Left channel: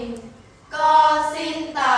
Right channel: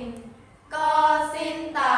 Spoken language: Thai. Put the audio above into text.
นก็สิ้นตา